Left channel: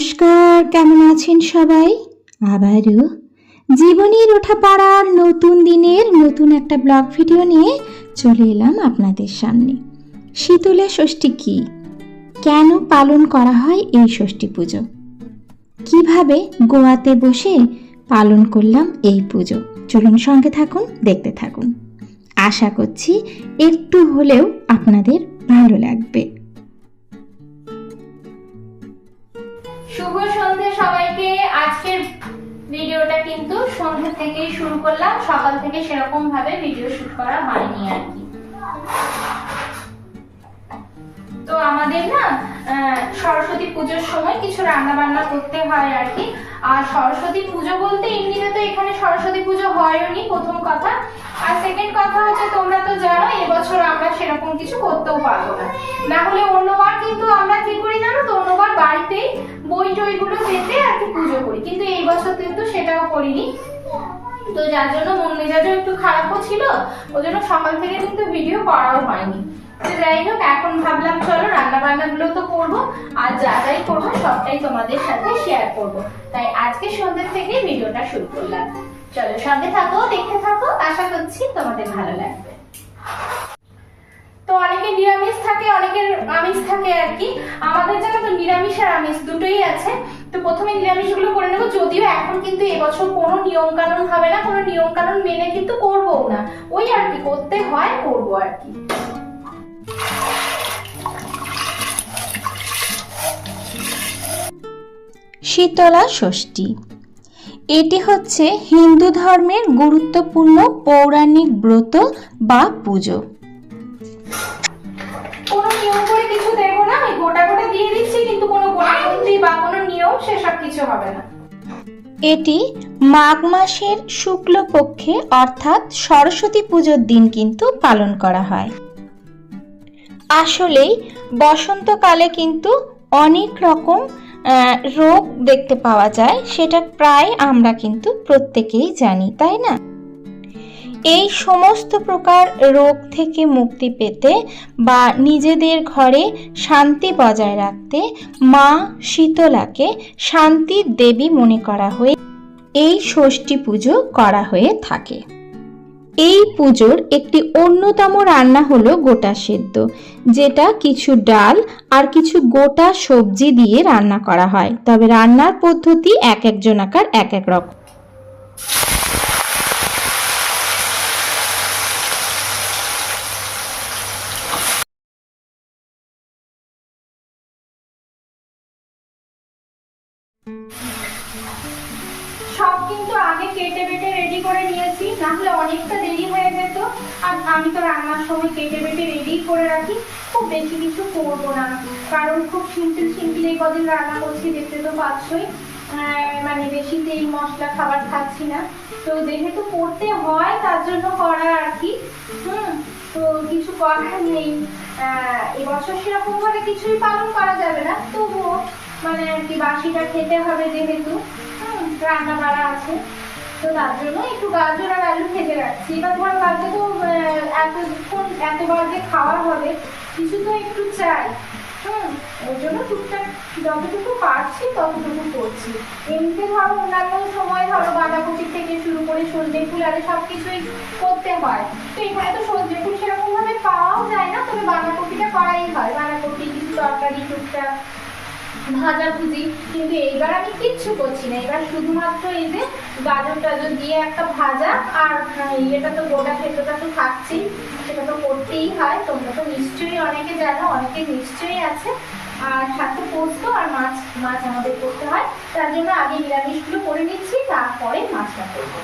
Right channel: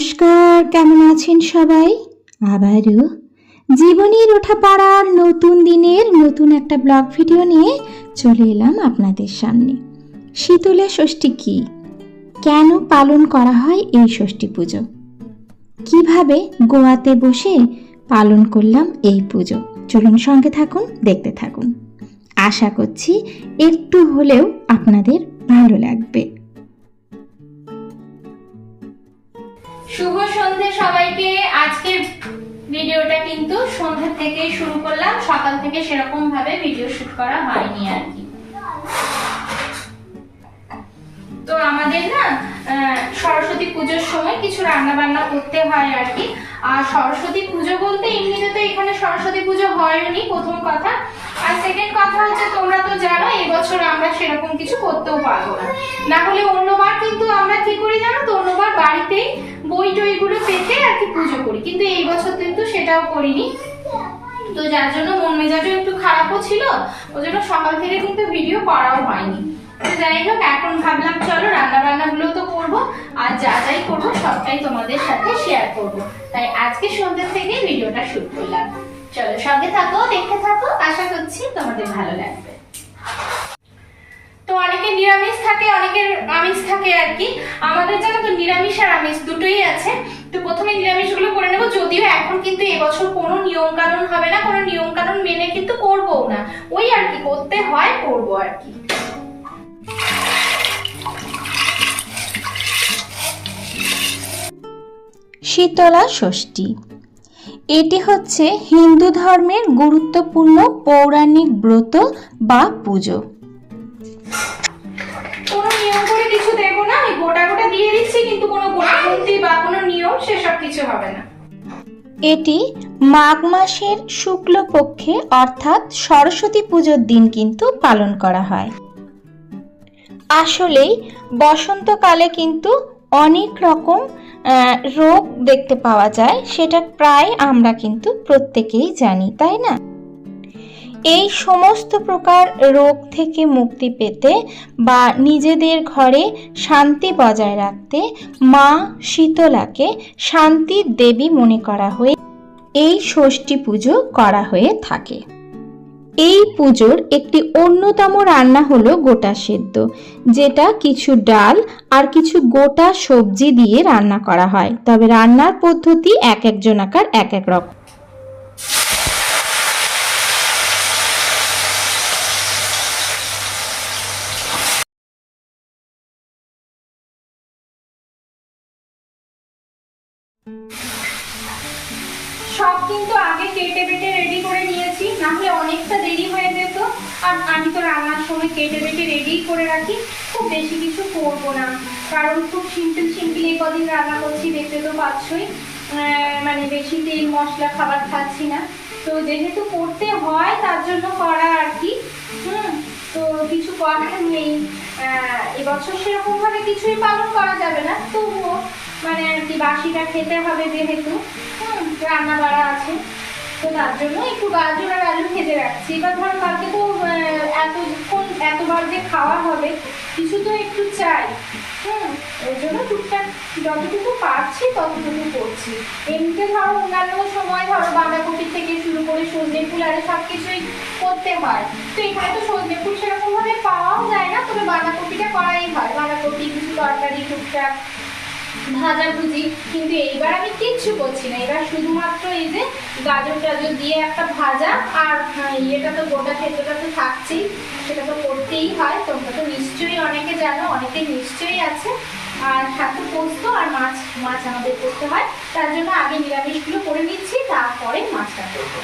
নমস্কার, কেমন আছেন সবাই? আবারও জীবনের ওঠা পাড়ার নতুন দিনের নতুন একটা ব্লগ ভিডিও নিয়ে চলে এলাম আপনাদের সামনে। শীতলা ষষ্ঠী কি, কেন পালন করা হয় এই ষষ্ঠী পুজো, কিভাবে গোয়াতে বসে পালন করলাম এই পুজো, চলুন সঙ্গে থাকুন, দেখতে থাকুন। আশা করছি একটু হলেও আপনাদের ভালো লাগবে। শুভ সন্ধে সবাইকে। আজকের ভিডিওটা কিন্তু সন্ধ্যা থেকেই শুরু করলাম, সকাল থেকে সেরকম ভাবে ভিডিও শুট করা হয়নি আর কি। তো আমাদের না সরস্বতী পুজোর সময় কিছু রান্না বান্না করতে হয় আর কি। আর সরস্বতী পুজো বলতে এমনিতে তো এখানে সরস্বতী পুজো হয়নি, প্রথম কথা। আর সেকেন্ড কথা হচ্ছে, তোমরা তো জানো এবছর আমরা সেরকম কিছু করতেও পারবো না। না হলে অন্যবার কিন্তু আমরা কি করি জানো তো, অন্যবার বাড়িতেই বই টইগুলো পেতে আর কি পুজো করি, কিন্তু এই বছর কিন্তু সেটাও করিনি। তো যার জন্য মন মেজাজও একটু খারাপও ছিল, ওই জন্য সকাল থেকে কিন্তু ভিডিও করাও হয়নি। যাই হোক, এখন ভাবলাম চলো রান্না বান্না গুলো তো করবো, আর যা যাই করবো সবটাই তোমাদের সাথে শেয়ার করব। তাই আজকে সন্ধ্যা থেকে ভিডিওটা শুরু করলাম। চলো সঙ্গে থাকো, দেখতে থাকো, আশা করছি তোমাদের ভালো লাগবে। তো অনেকে নিরামিষ থাকে, অনেকের আমিষ থাকে আর কি। আমাদের জানো তো নিরামিষ আর আমিষ দুটোই আছে। তো প্রথমে নিরামিষ গুলো করে নেবো, যদিও এখন কিন্তু এবছর কোনো নিয়ম কানুন হবে না, কোনো নিয়ম কানুন মেনে কিন্তু করবো না, ওই আর কি করতে হয় করবো আর কি। শীতলা ষষ্ঠী এটি হচ্ছে হিন্দু ধর্মের গুরুত্বপূর্ণ পৌরাণিক ব্রত বা পুজো। কোনো নিয়ম করে কিছু দেবো না, আমি গোটা গোটা দিয়ে দিচ্ছি, কিন্তু কোনো গোনাগুনতি বা কোনো নিয়ম সেসব কিছু হবে না। এটি মাঘ মাসের শুক্লপক্ষে অর্থাৎ সরস্বতী পুজোর দিন কিন্তু পালন করা হয়। আসলেই বসন্তকালে কিন্তু অনেক রকম রোগ দেখতে পাওয়া যায়, সেটা প্রায় আমরা কিন্তু প্রত্যেকেই জানি, তাই না? এই সমস্ত প্রকার রোগ থেকে মুক্তি পেতে বা নিজেদের ঘরে শান্তি বজায় রাখতে মা শীতলাকে শান্তির দেবী মনে করা হয়ে এই ষষ্ঠী পুজো করা হয়ে থাকে। এই পুজোর একটি অন্যতম রান্না হলো গোটা সেদ্ধ, যেটা কিছু ডাল আর কিছু গোটা সবজি দিয়ে রান্না করা হয়। তবে রান্নার পদ্ধতি এক একজনাকার এক এক রকম। সব কিন্তু আগে কেটে বেটে রেডি করে নিয়েছি, না হলে অনেকটা দেরি হয়ে যেত। আর আমি তো রান্নার সময় কেটে বেটে রেডি করে রাখি, খুব বেশি কিছু করবো না, কারণ খুব সিম্পল এই কদিন রান্না করছি, দেখতে তো পাচ্ছই। মানে বেশি তেল মশলা খাবার খাচ্ছি না, তো যেহেতু করতে হয় তার জন্য করা আর কি। তো কিছু করার নেই, এবছর সেরকম ভাবে কিছুই পালন করা যাবে না, তবুও মানে আর কি বাসিটা খেতে হবে যেহেতু রান্না বাড়া আছে, তো তার জন্য একটু গাজর আর আলু ভেজে রাখছি। এবার ধরো কালকে তো এতবার যে খাওয়া হবে, কিছু তো একটু চাই। ওই জন্য টুকটাক যতটুকু পারছি ততটুকু করছি। এমনিতে ধরো অন্যান্য সময় ধরো বাঁধাকপি থেকে শুরু করে সজনে ফুল আর সব কিছুই করতে হয়, তো এখানে তো সজনে ফুল সেরকম ভাবে পাওয়াও যায় না, তবে বাঁধাকপিটা করাই হয়। বাঁধাকপি কিছু তরকারি টুকটাক ভাজা ভুজি, কিন্তু এইবার আমি কিচ্ছু করছি না। এবার শুধুমাত্র এই যে গাজর টাজর দিয়ে একটা ভাজা, আর ইয়েটা তো গোটা খেতেটা তো থাকছেই, সেটা তো করতেই হয়। তোমরা তো নিশ্চয়ই অনেকে জানো, অনেকে নিশ্চয়ই আছে। আর সাথে পোস্ত আর মাছ আমাদের করতে হয়, তার জন্য আগে নিরামিষগুলো করে নিচ্ছি, তারপরে মাছটা করবো।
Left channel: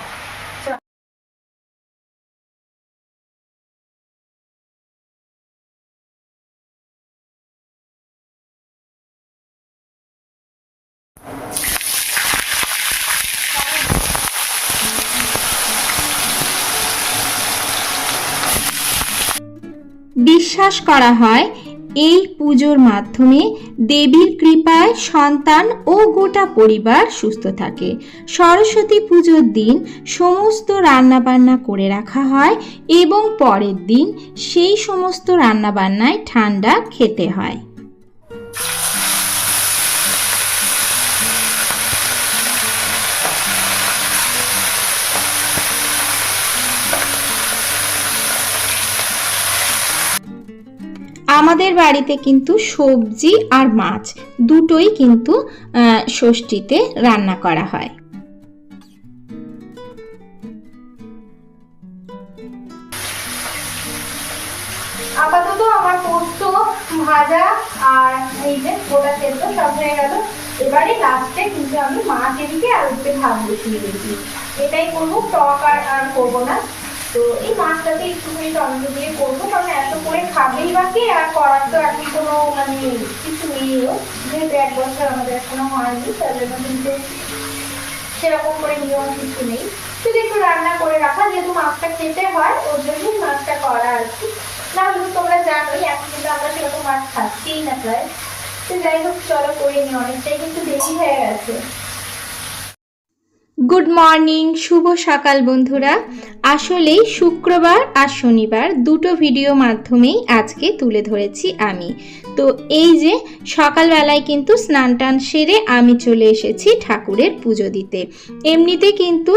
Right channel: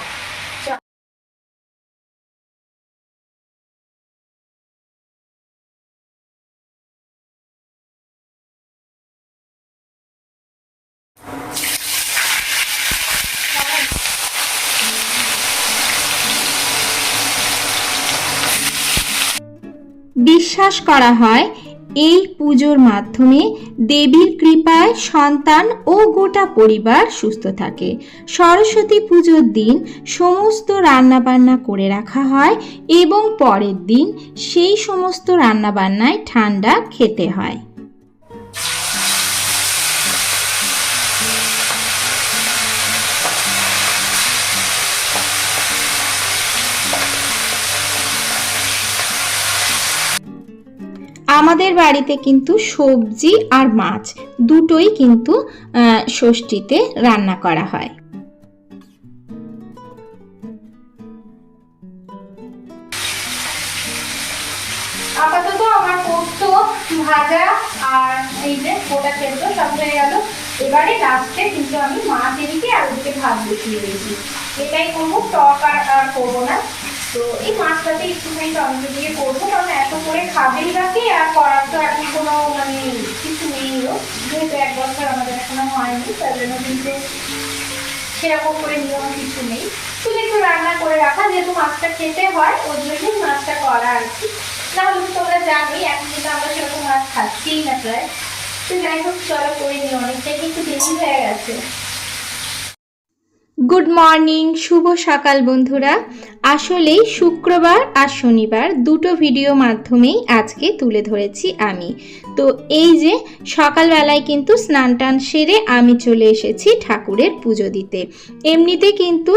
বিশ্বাস করা হয় এই পুজোর মাধ্যমে দেবীর কৃপায় সন্তান ও গোটা পরিবার সুস্থ থাকে। সরস্বতী পুজোর দিন সমস্ত রান্নাবান্না করে রাখা হয় এবং পরের দিন সেই সমস্ত রান্নাবান্নায় ঠান্ডা খেতে হয়। আমাদের বাড়িতে কিন্তু সবজি আর মাছ দুটোই কিন্তু ষষ্ঠীতে রান্না করা হয়। আপাতত আমার পোস্ত ভাজা আর এই যে গোটা সেদ্ধ সব হয়ে গেল। এবারে লাস্টে কিন্তু আমি মাছ এদিকে আর ওদিকে ভাত বসিয়ে দিয়েছি। এটাই করবো, টক আর করবো না। তো এই মাছটাতে একটুখানি টমেটো দিয়ে করবো, কারণ এত করে খাবেই বাকি, আর করার তো এখন কোনো মানে কিছু নেইও, যেহেতু 1 বছর আমাদের এখনো হয়নি, তার জন্য কিন্তু সেরকম করে নিয়ম কিছু নেই। শুধু একটু রান্না করে রাখা, যেহেতু মাছটা খেতে হয় ওর জন্যই মাছটা করা আর কি। না হলে তোমরা জানোই এখন কিন্তু আমরা সেরকম মাছ খাচ্ছিই না প্রায়। তো যাই হোক, চলো করে নিই, অনেকটাই কিন্তু দেরি হয়ে গেছে। গুড মর্নিং, শুভ সকাল বন্ধুরা। আসলেই শুক্রবার আর শনিবার দুটো ভিডিও মাধ্যমেই আজকে তুলে ধরেছি আমি। তো এই যে সকালবেলায় কিন্তু স্নান টান সেরে আমি চলে এসেছি ঠাকুরের পুজো দিতে। এমনিতে কিন্তু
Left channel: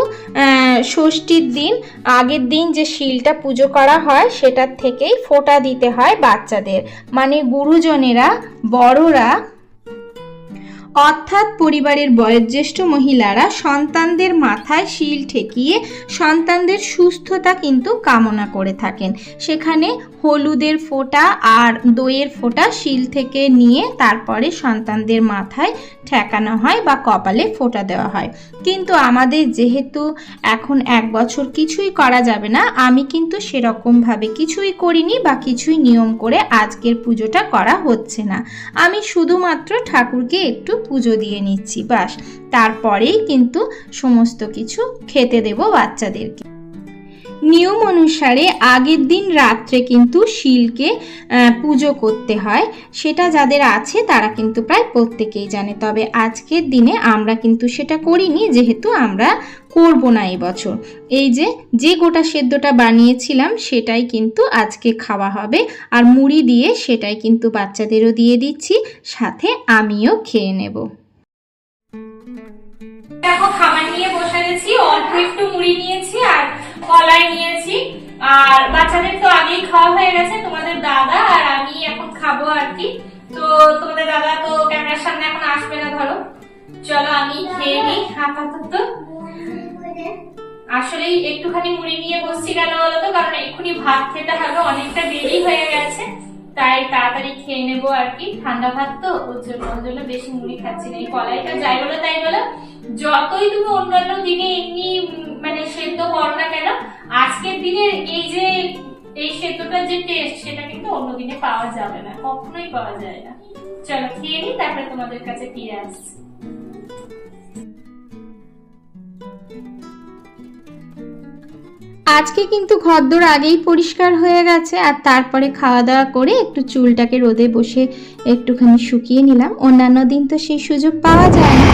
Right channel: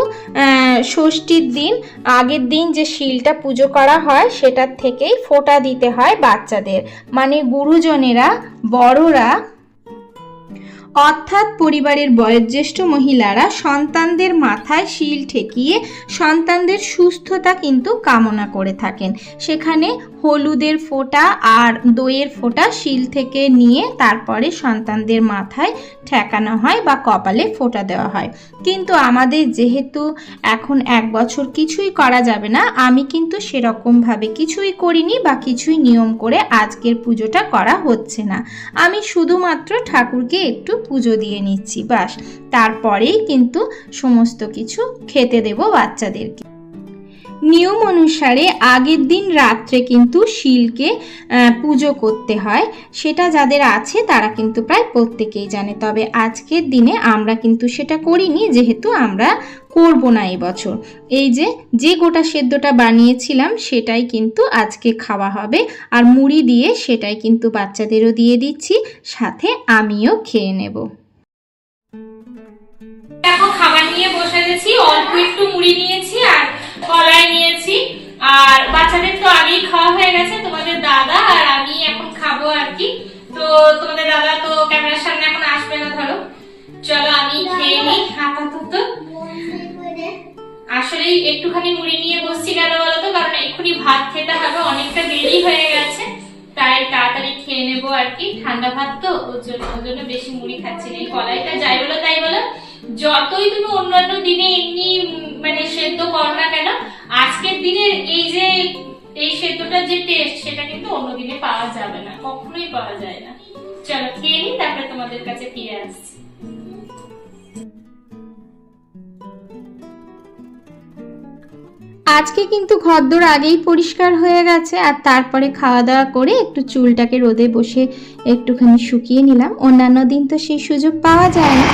ষষ্ঠীর দিন আগের দিন যে শিলটা পুজো করা হয় সেটার থেকেই ফোঁটা দিতে হয় বাচ্চাদের, মানে গুরুজনেরা বড়রা অর্থাৎ পরিবারের বয়োজ্যেষ্ঠ মহিলারা সন্তানদের মাথায় শিল ঠেকিয়ে সন্তানদের সুস্থতা কিন্তু কামনা করে থাকেন। সেখানে হলুদের ফোঁটা আর দইয়ের ফোঁটা শিল থেকে নিয়ে তারপরে সন্তানদের মাথায় ঠেকানো হয় বা কপালে ফোঁটা দেওয়া হয়। কিন্তু আমাদের যেহেতু এখন 1 বছর কিছুই করা যাবে না, আমি কিন্তু সেরকমভাবে কিছুই করিনি বা কিছুই নিয়ম করে আজকের পুজোটা করা হচ্ছে না। আমি শুধুমাত্র ঠাকুরকে একটু পুজো দিয়ে নিচ্ছি, বাস। তারপরেই কিন্তু সমস্ত কিছু খেতে দেব বাচ্চাদেরকে। নিয়ম অনুসারে আগের দিন রাত্রে কিন্তু শিলকে পুজো করতে হয়, সেটা যাদের আছে তারা কিন্তু প্রায় প্রত্যেকেই জানে। তবে আজকের দিনে আমরা কিন্তু সেটা করিনি, যেহেতু আমরা করব না এই বছর। এই যে গোটা সেদ্ধটা বানিয়েছিলাম সেটাই কিন্তু আজকে খাওয়া হবে, আর মুড়ি দিয়ে সেটাই কিন্তু বাচ্চাদেরও দিয়ে দিচ্ছি, সাথে আমিও খেয়ে নেব। দেখো, খাবার নিয়ে বসে গেছি। অল্প একটু মুড়ি নিয়েছি আর কলাই নিয়েছি, আর বাচ্চাদের তো আগেই খাওয়া হয়ে গেছে। তোমাদের দাদা আর আমি এখন খাবো আর কি। তো তোমাদের দাদা তো ক্যামেরার সামনে এখন আসবে না, ধরো। চলো আমি খেয়ে নিই আপাতত। আসলে একটুখানি মুড়ি নিয়ে বসছি কেন বলতো, কারণ এক্ষুনি ভাত খেতে হবে, অনেকটা দেরি হয়ে গেছে, তাই তাড়াতাড়ি খেয়ে নেবো আর কি। ঠান্ডা ভাত তো, ওর জন্য বেশি মুড়ি খাচ্ছি না। এই কলাইটা যাই বলো তাই বলো, যতই তুমি অন্যান্য দিনে এমনি মানে সেদ্ধ করো না কেন, আজকের দিনের এই সেদ্ধটার যে টেস্ট সেটা কিন্তু অন্য দিনে পাওয়া যাবে না, কখনোই পাওয়া যায় না। চলো খেয়ে নিই, তারপরে তোমাদের কাছে ফিরে আসছি। আজকে কিন্তু ঘরদোর আগেই পরিষ্কার হয়ে গেছে, আর তারপরে খাওয়া দাওয়া করে একটু চুলটাকে রোদে বসে একটুখানি শুকিয়ে নিলাম। অন্যান্য দিন তো সেই সুযোগ পাওয়া যায় না।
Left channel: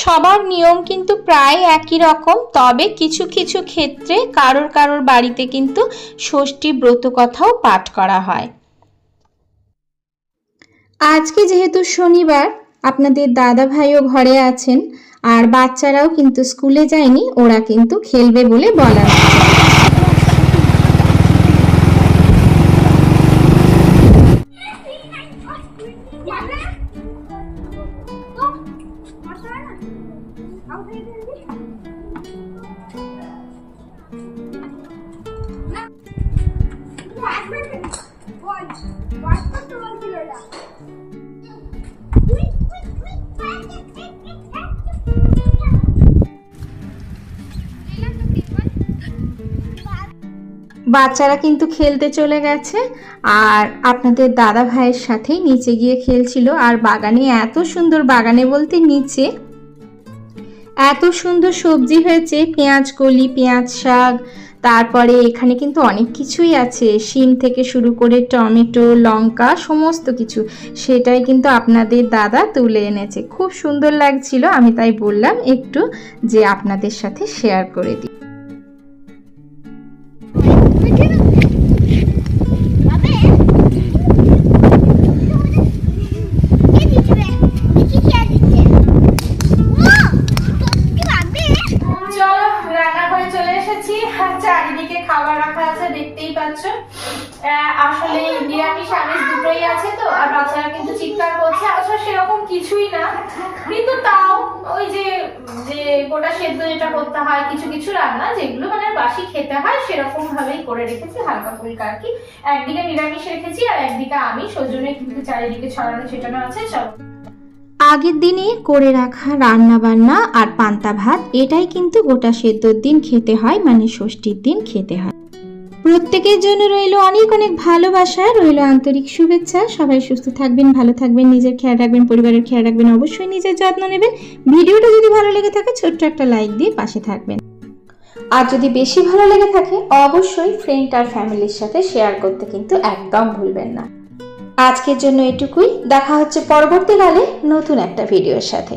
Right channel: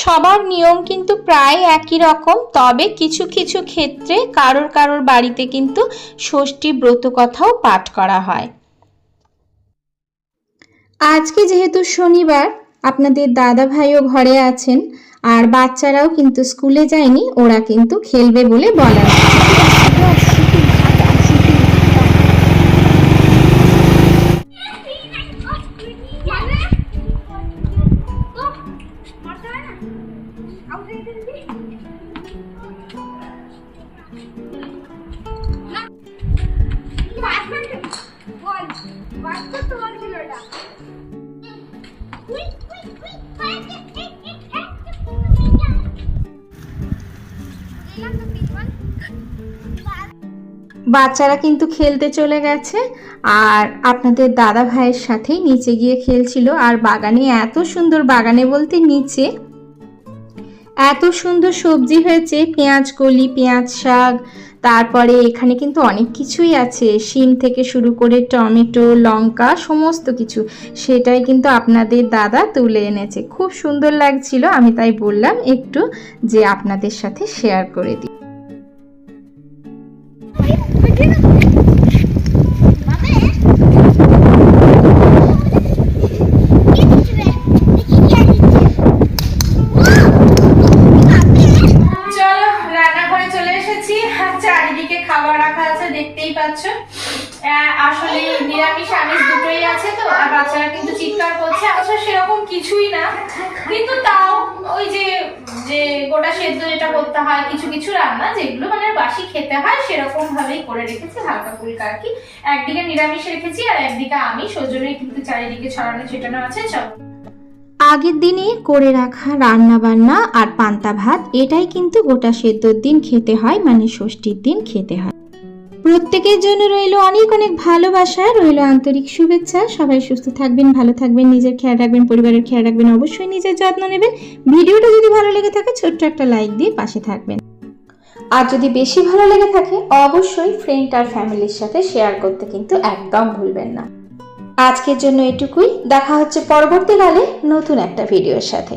সবার নিয়ম কিন্তু প্রায় একই রকম, তবে কিছু কিছু ক্ষেত্রে কারোর বাড়িতে কিন্তু ষষ্ঠী ব্রত কথাও পাঠ করা হয়। আজকে যেহেতু শনিবার, আপনাদের দাদা ভাইও ঘরে আছেন, আর বাচ্চারাও কিন্তু স্কুলে যায়নি, ওরা কিন্তু খেলবে বলে বলা হচ্ছে। বাচ্চারা কিন্তু খেলতে চলে গেছে, আর আপনাদের দাদা ভাইয়ের সাথেই নিচে গিয়ে খেলছিল। আর বাগানে এত সুন্দর, বাগানে বলতে নিচে এত সুন্দর সবজি হয়েছে, পেঁয়াজ কলি, পেঁয়াজ শাক, তারপরে এখানে কিন্তু অনেক কিছুই আছে, শিম থেকে শুরু করে টমেটো, লঙ্কা, সমস্ত কিছু। সেটাই কিন্তু আপনাদের দাদা তুলে এনেছে, খুব সুন্দর লাগছিল। আমি তাই বললাম একটু যে আপনাদের সাথে শেয়ার করে দিই। দুটোই আছে তো, আর বাচ্চারা কিন্তু চিৎকার করছে। আসলে সেরকম কিছুই না, কিন্তু তাও ওই যে যে গোটা সেদ্ধ যেটা করতে হয়, কিছু কিছু রান্না যেগুলো মানে বাসি খেতে হয় সেরকম ভাবেই করে রেখেছি, হালকা ফুলকা আর কি। একদিকে নিরামিষ রেখেছি আর একদিকে আমিষ, ওই জন্যই কিন্তু চারিদিকে ছড়ানো ছিটানো আছে। চলো, আগের দিনে করে রাখা রান্না বান্না আর পান্তা ভাত, এটাই কিন্তু গোটা সেদ্ধর দিন খেতে হয়, মানে ষষ্ঠীর দিন খেতে হয়। প্রত্যেকের জন্য রইল অনেক অনেক ভালোবাসা, রইল আন্তরিক শুভেচ্ছা। সবাই সুস্থ থাকবেন, ভালো থাকবেন, নিজের খেয়াল রাখবেন, পরিবারের খেয়াল রাখবেন, অবশ্যই নিজের যত্ন নেবেন। ভিডিওটা যদি ভালো লেগে থাকে ছোট্ট একটা লাইক দিয়ে পাশে থাকবেন, আর যদি বেশি ভালো লেগে থাকে অবশ্যই ফ্রেন্ড আর ফ্যামিলির সাথে শেয়ার করতে কিন্তু একদম ভুলবেন না। আজকের জন্য এটুকুই, দেখা হচ্ছে পরবর্তীকালে নতুন একটা ভিডিওর সাথে।